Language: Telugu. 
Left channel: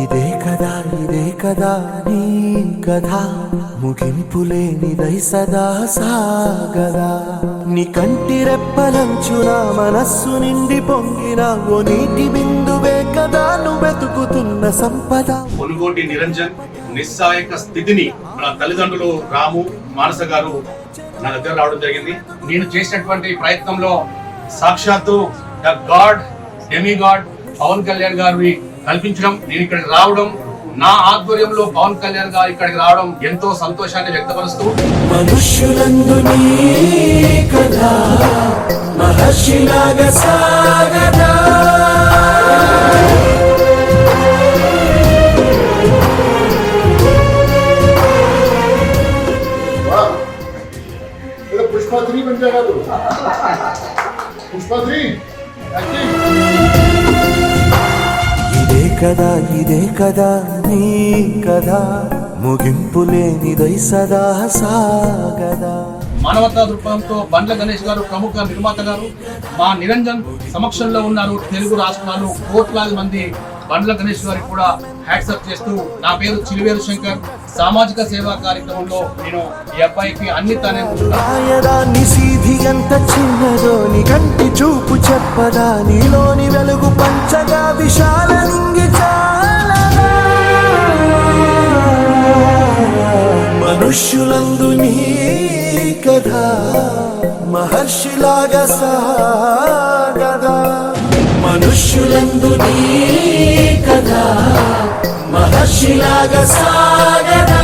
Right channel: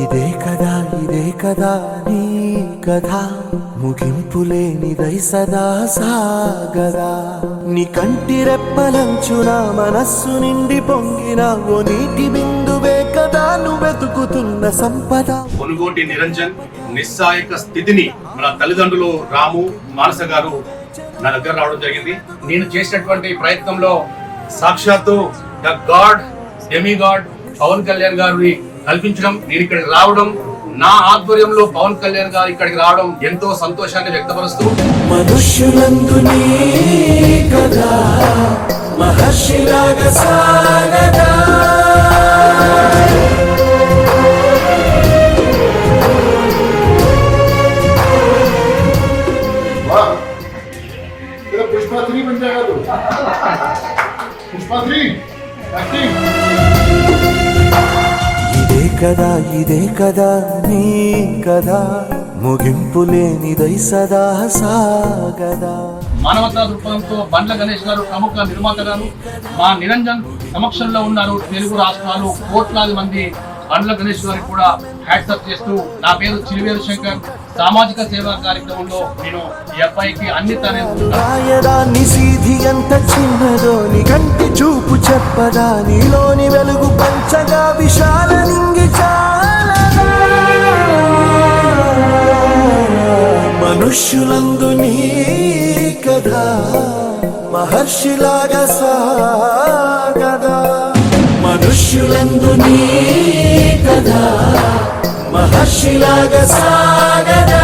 ఇదే కదా నీ కథ ముగింపులేనిదై సదా సాగదా నీ కంటి రెప్పలంచున మనస్సు నిండి పొంగిన ఓ నీటి బిందువే కదా నువ్వెతుకుతున్న సంపద. పొనుగోటి నిరంజన్ నిస్సాయక స్థితిని మన తల్లిదండ్రులు రాము మానస గారు నా దగ్గర రావడం జరిగింది. నేను చేసినటువంటి ప్రయత్నంలో సాక్షాత్తు the god demigod Pawan Kalyan గారిని కల్పించడం, నేను ఇక్కడికి రావడం, నా ఆధ్వర్యంలో పవన్ కళ్యాణ్ గారు ఇక్కడికి రావడం ఎంతో సంతోషాన్ని వ్యక్తపరుస్తూ మనుష్యులందు నీ కథ మహర్షిలాగా సాగదా. पुष्पा 3 बन जाएगा तो पुष्पा 3 एक्टिंग. ఇదే కదా నీ కథ ముగింపులేనిదై సదా సాగదా. మానవతా దృక్పథంతో బండ్ల గణేష్ గారు ప్రముఖ నిర్మాత గారు మా నిరంజన్ సమక్షంలో ఉన్నారు. తెలుగు రాష్ట్రాలు కోట్లాది మంది బండ్ల గణేష్ గారికి కూడా హ్యాట్సప్ చేస్తూ, నా పేరు చిలివేరు శంకర్, సామాజిక సేవా కార్యక్రమంలో నేను ఈ అబ్బాయికి అన్ని తానే రాయదాన్ని సీధి ఎంత చిన్నదో నీ కంటి చూపు చెప్పదా, నీలోని వెలుగు పంచగా విశాల నింగి చాలదా. మనుష్యులందు నీ కథ మహర్షిలాగా సాగదా. మనుష్యులందు నీ కథ మహర్షిలాగా సాగదా.